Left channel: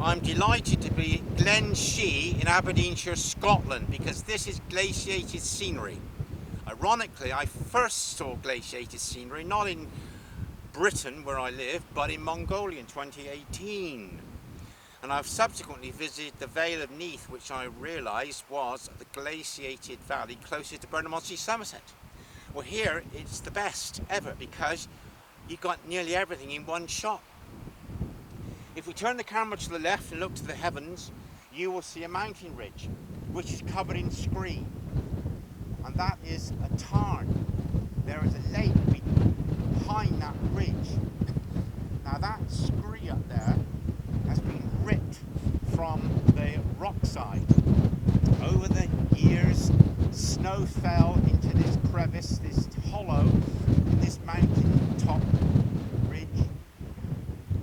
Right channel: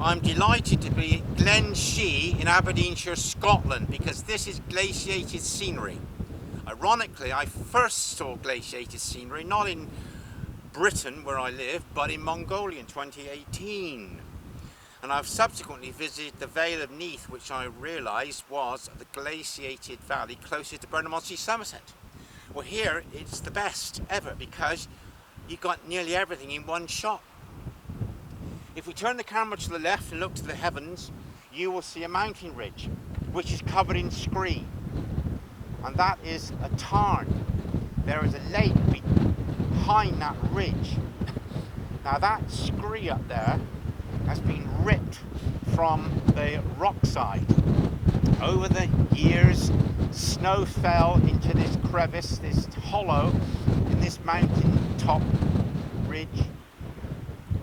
I'm delighted to be at Glen in Aberdeenshire, Scotland, because this is glaciated scenery. Ironically, I first saw glaciated scenery not in Britain where I live, but in Mongolia in 2018. And I've subsequently visited the Vale of Neath, which I realised was the glaciated valley closest to Burnham-on-Sea, Somerset. Well, here it's the best ever because you've got nearly everything in one shot. If we turn the camera to the left and look to the heavens, you will see a mountain ridge which is covered in scree, and that is a tarn. There is a lake behind that ridge. Now that scree up there has been ripped from the rock side. Over the years, snow fell into this crevice, this hollow in this mountain top ridge,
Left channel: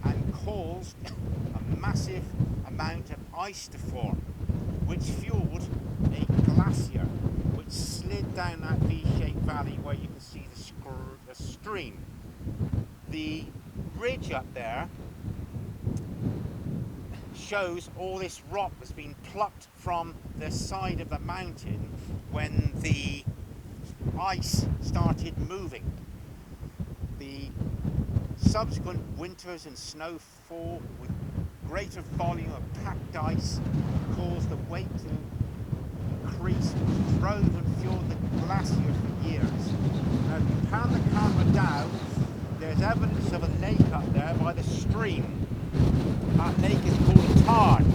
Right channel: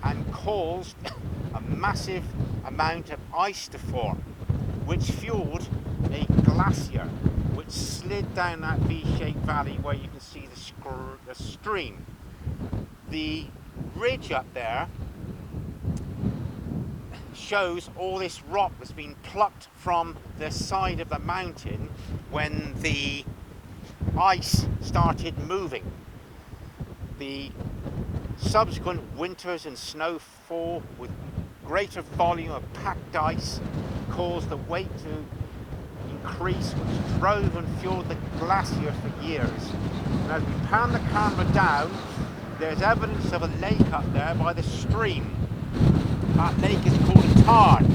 and caused a massive amount of ice to form, which fueled a glacier which slid down that V-shaped valley where you can see the stream. The ridge up there shows all this rock that's been plucked from the side of the mountain when the ice started moving. The subsequent winters and snowfall with greater volume of packed ice caused the weight to increase, which drove and fueled the glacier for years. And as we pan the camera down, there's evidence of a lake up there by the stream. That lake is called a tarn.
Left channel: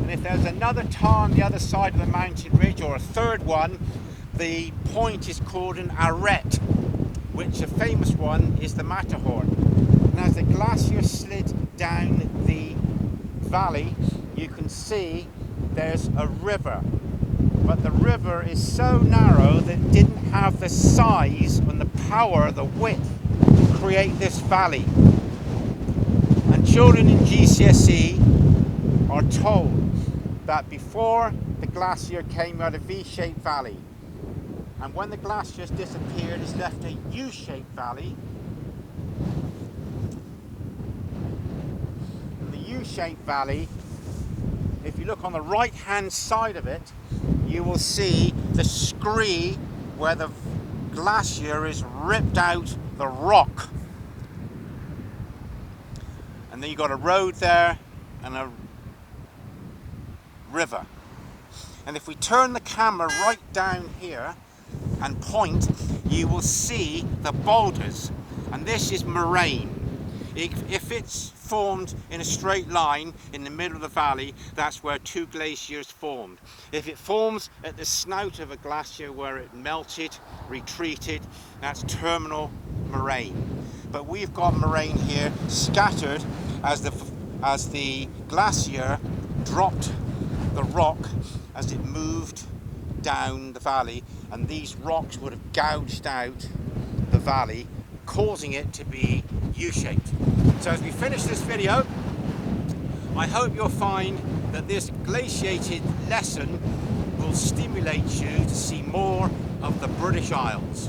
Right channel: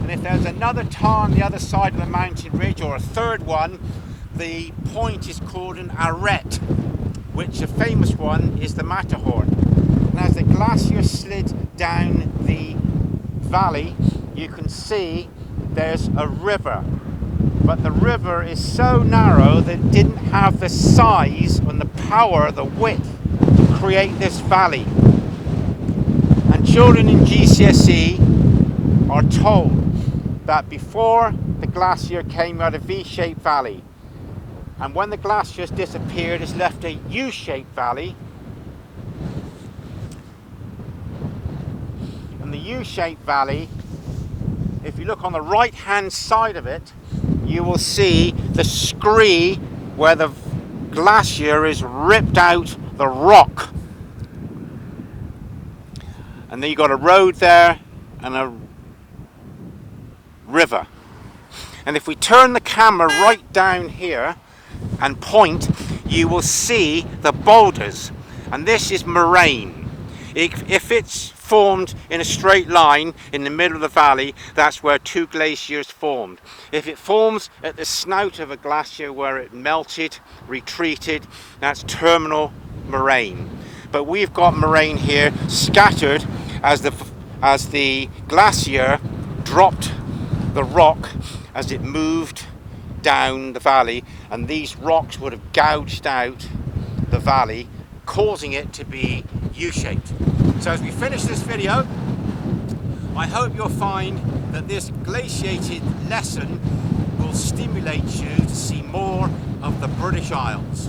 And if there's another tarn the other side of the mountain ridge, or a third one, the point is called an arête, which a famous one is the Matterhorn. And as the glacier slid down the valley, you can see there's a river. But the river is so narrow that it didn't have the size and the power, the width, to create this valley. And children in GCSE are told that before the glacier came out of V-shaped valley, and when the glacier has disappeared, it's left a U-shaped valley. And the U-shaped valley, if you look on the right hand side of it, you will see the scree where the glacier is ripped out the rock. And then you've got a road there and a river. And if we turn the camera right down here and point, you will see the boulders. And this is moraine. If it's formed in a straight line in the middle of the valley, that's where two glaciers formed. If it forms at the snout of a glacier where it melted, retreated, that's terminal moraine. But we've got moraine here scattered as the glacier dropped the rock as it moved down the valley, and these rocks would have gouged out the valley, causing it to be U-shaped. So as we finish this video, I hope you'll find that this glaciated lesson will stimulate you to see more of the British Isles.